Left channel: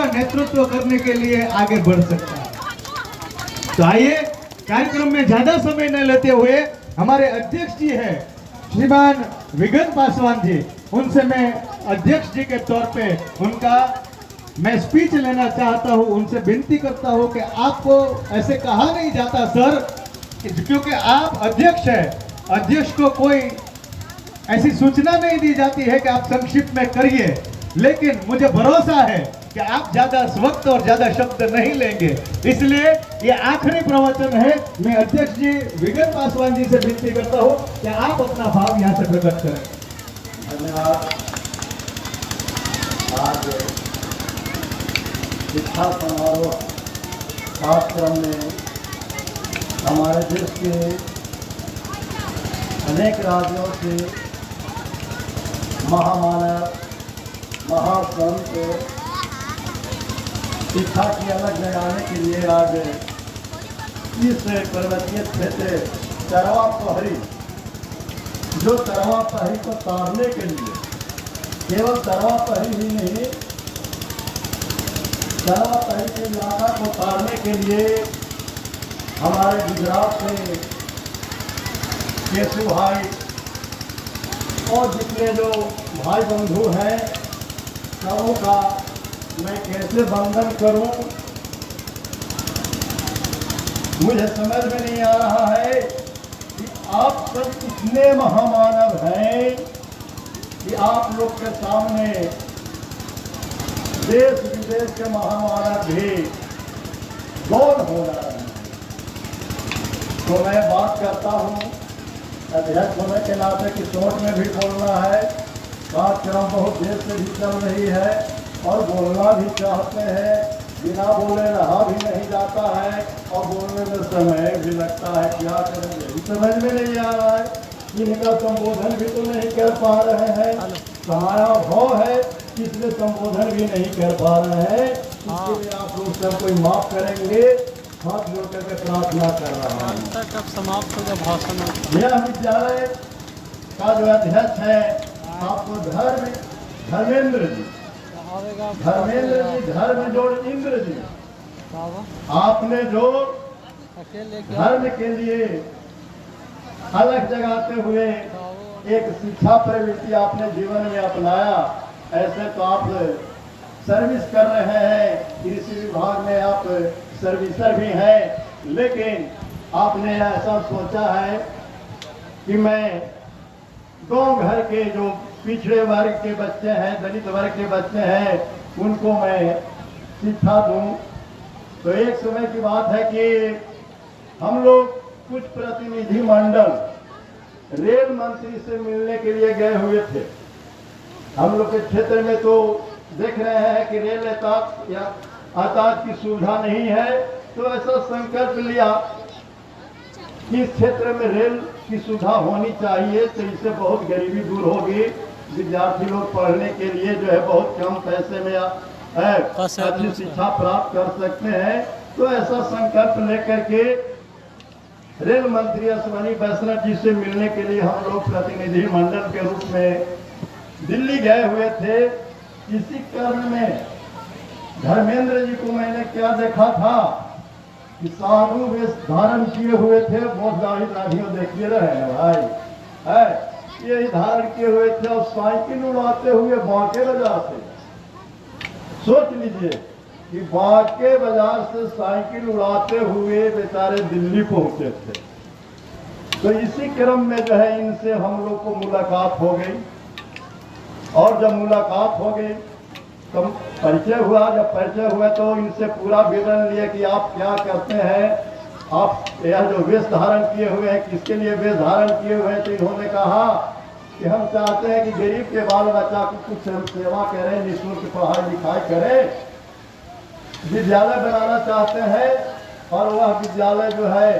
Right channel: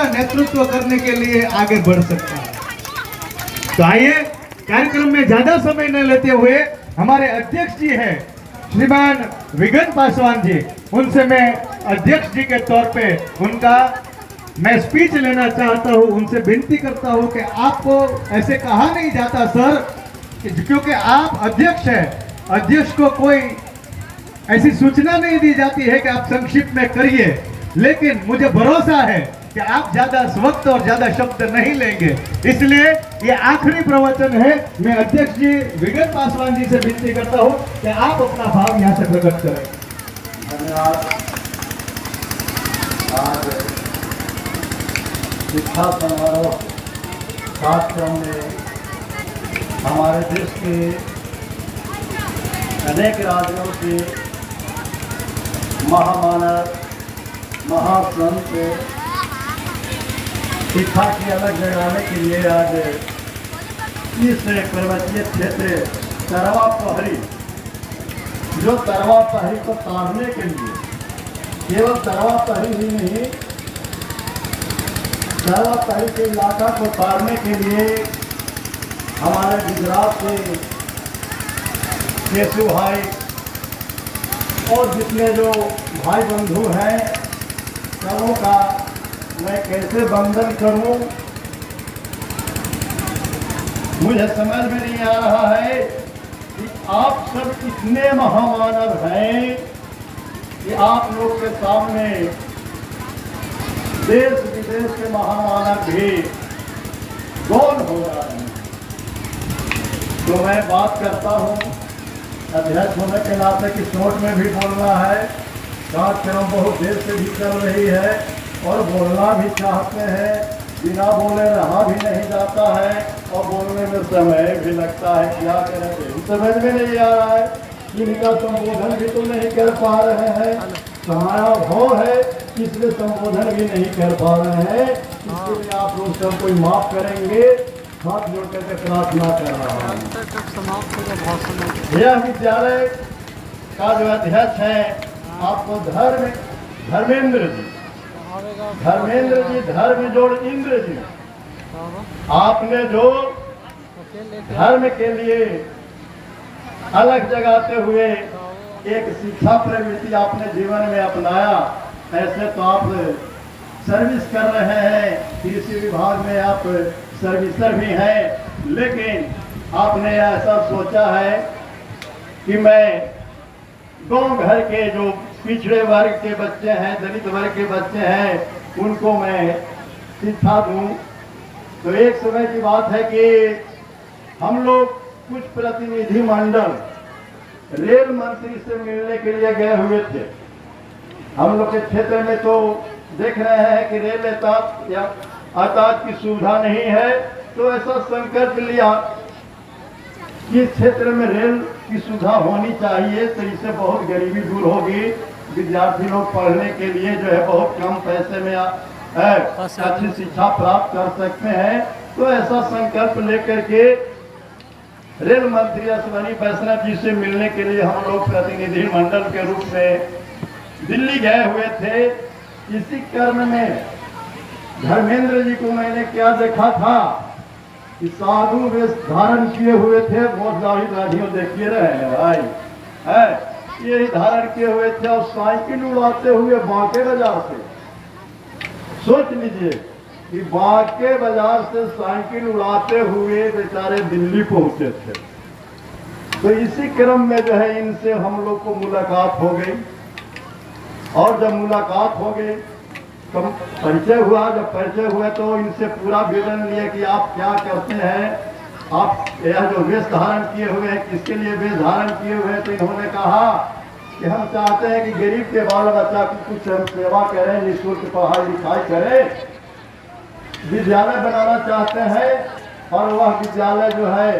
का नेतृत्व करने के लिए आगे बढ़ सकता है। तो आइए कार्यक्रम में ज्यादा समय न लेते हुए हमारे अध्यक्ष जी हैं श्रीमान विगन पासवान जी, उनसे मैं अध्यक्ष जी के तौर पे उनका मैं स्पीच लेना चाहता हूं। उनसे विनती करता हूं कि आपको ऐसे कहा नहीं जाता सर, क्योंकि आप अध्यक्ष हैं, अध्यक्ष को कोई ऐसी सूचना नहीं दी जाती है कि आप संक्षिप्त में करिए, लेकिन मुझे भरोसा है कि आप ज्यादा वक्त और ज्यादा शब्द नहीं लेंगे, इसलिए ये आखिरी प्रवचन है। मैं अध्यक्ष जी विगन पासवान जी से विनती करता हूं कि आप अपना भाव यहाँ से प्रकट करें। धन्यवाद। आज शिक्षा समारोह कार्यक्रम में हमारे देश के अनेक राज्यों से महामानव महासंत शिक्षा की अलग जगाने के लिए आज इस पर्वतीय क्षेत्र तरवा पहरी, जो तरवा पहरी को तारने के लिए, केवल तरवा पहरी ही नहीं, तरवा पहरी के इलाका को तारने के लिए हमारे गुजरात से केशु भाई और जितने जो भाई बंधु हैं सबों का मैं कैसे वंदन करूं, मुझे समझ में नहीं आ रहा है कि आप सब इतने महामानव हैं कि आप लोग के सामने देश विदेश के महामानव भी गौर हो रहे हैं। तो मैं बात करता हूं, अध्यक्ष होने के नाते कि शॉर्ट में भी बोलना है, कार्यक्रम बहुत देर से भी चल रही है और बोलना भी चाहते हैं, बिना बोले रहा भी नहीं जाता है और बोलने में समय भी लगता है। क्या करें, समझ में नहीं आ रहा है, इनका संबोधन भी तो नहीं कर पा रहे हैं, समारोह है इसलिए संबोधन भी नहीं कर पा रहे हैं, इसके लिए आप लोग सबको माफ करेंगे, हाथ जोड़ करके प्रार्थना कर रहा हूँ। यह विद्यालय का जो अध्यक्ष है आपको धर्मेंद्र जी, धर्म जोड़ इंद्र जी, आपने जो धर्म के लिए अलग जगाते हुए एक शिक्षा प्रवृत्ति आपने जीवन में अपनाया, ऐसे तो आप सर्विस कर रहे हैं, कृषि विभाग में आप सर्विसर भी हैं, लेकिन आपने ऐसा सोचा है कि मैं गांव घर के जो पिछड़े वर्ग के बच्चे हैं, दलित वर्ग के बच्चे हैं, उनको मैं शिक्षा दूं। तो एक समय की बात है कि हम लोग कुछ प्रतिनिधि मंडल रेल मंत्री से मिलने के लिए गए हुए थे। हम लोग के क्षेत्र में तो देख रहे हैं कि रेल यातायात की सुविधा नहीं है, तो ऐसा संकल्प लिया कि इस क्षेत्र में रेल की सुविधा होनी चाहिए, तो इससे बहुत गरीबी दूर होगी, विद्यार्थी लोग पढ़ने के लिए जो है बहुत कम पैसे में अच्छी शिक्षा प्राप्त कर सकते हैं। तो ऐसा संकल्प लेकर के रेल मंत्री अश्विनी वैष्णव जी से मिलने के लिए हम लोग प्रतिनिधि मंडल के रूप में दिल्ली गए हुए थे। इसी क्रम में धर्मेंद्र जी को मैंने क्या देखा था कि साधु वेश धारण किए हुए थे, बहुत दाढ़ियों देखिए रहे हैं भाई, है यही धारण किए हुए थे और साइकिल उड़ाते हुए बांके बाजार से, सोच लीजिए कि बांके बाजार से साइकिल उड़ाते हुए बेचारे दिल्ली पहुंचे थे। तो इसी क्रम में जो है इनसे हम लोग को मुलाकात हो गई, और जब मुलाकात हो गई तो परिचय हुआ। जब परिचय हुआ तो इनसे पूरा विवरण लिए कि आप क्या करते हैं, आप यह जो वेश धारण किए हुए हैं किसके लिए वेश धारण किए हुए हैं। तो इन्होंने कहा कि हम चाहते हैं कि गरीब के बाल बच्चा की कुछ हम सेवा करें, निःशुल्क पढ़ाई लिखाई करें, विद्यालय बनाना चाहते हैं। और वह विद्यालय जो है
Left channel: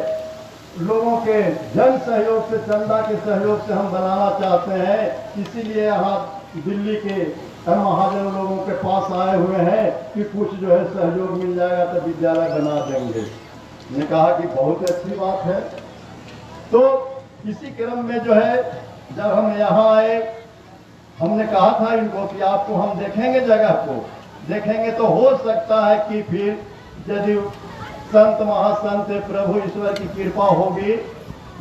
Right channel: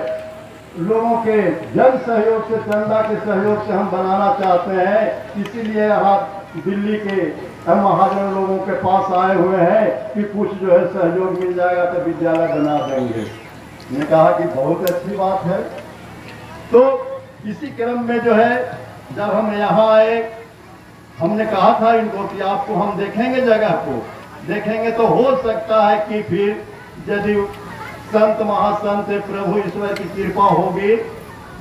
लोगों के जन सहयोग से, चंदा के सहयोग से हम बनाना चाहते हैं, इसीलिए यहाँ दिल्ली के महाजन लोगों के पास आए हुए हैं कि कुछ जो है सहयोग मिल जाएगा तो विद्यालय बना देंगे। मैंने कहा कि बहुत अच्छी बात है। तो इसी क्रम में जो है जब हम यहाँ आए, हमने कहा था इनको कि आपको हम देखेंगे जगह को, देखेंगे तो हो सकता है कि फिर यदि संत महासंत प्रभु ईश्वर की कृपा होगी,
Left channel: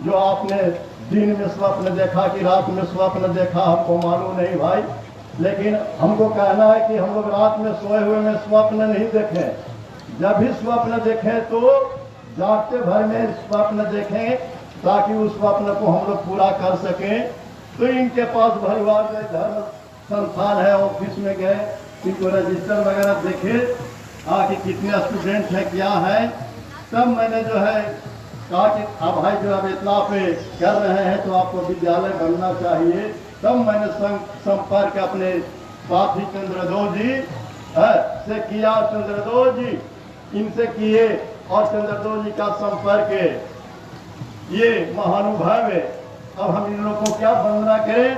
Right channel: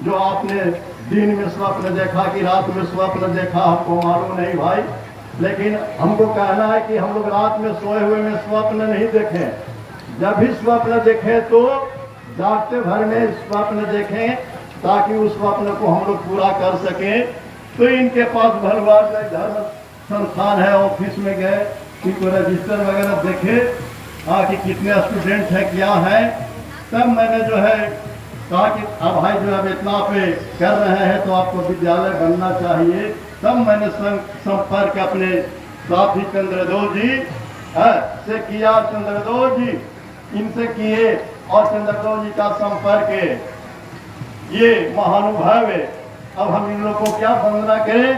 जो आपने दिन में स्वप्न देखा कि रात में स्वप्न देखा हमको मालूम नहीं भाई, लेकिन हमको कहना है कि हम लोग रात में सोए हुए में स्वप्न नहीं देखें। जब भी स्वप्न देखें तो जागते भर में स्वप्न देखें, ताकि उस स्वप्न को हम लोग पूरा कर सकें। तो इनके पास भरवार धर्म संस्थान है, ऑफिस में गए, इनको रजिस्टर वगैरह देखे कि कितने स्टूडेंट हैं क्या है। तब मैंने जो है कहा कि अब भाई जो अब इतना पे कर रहे हैं तो आपको विद्यालय बनना चाहिए। तब मैंने संपर्क अपने साथी चंद्रदोष जी से किया। चंद्रदोष जी इनसे किए और चंद्रदोष जी का संपर्क ये महानुभव है। अब हम इन लोगों को क्या वंदना करें,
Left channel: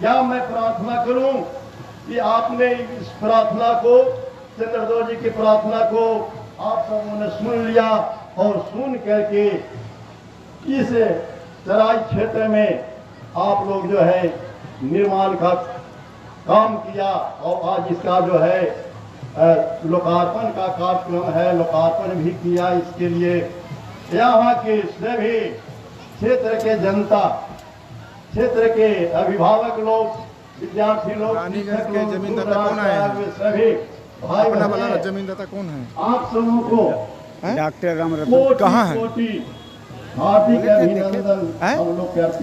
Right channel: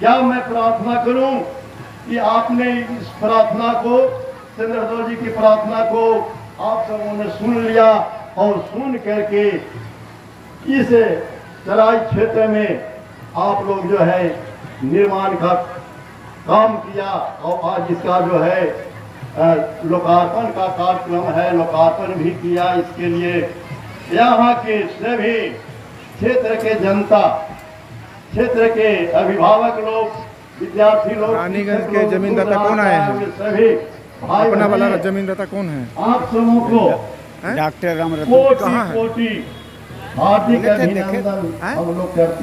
क्या मैं प्रार्थना करूं कि आपने इस प्रार्थना को, चंद्रदोष जी की प्रार्थना को आप सबों ने सुन लिया और सुन करके इस तराई क्षेत्र में आप लोग जो है निर्माण का काम किया और आज इसका जो है लोकार्पण का कार्यक्रम है, लोकार्पण भी किया। इसके लिए यहाँ के सभी क्षेत्र के जनता, क्षेत्र के अभिभावक लोग, विद्यार्थी लोग, रानीगंज के जमींदाता कौन आए हैं? सभी भाई अपना वाला जमींदाता कौन है? आप सबों को डॉक्टर रामरतन कोटि कहाँ है? कोटि हार्दिक अभिनंदन हम लोग करते हैं।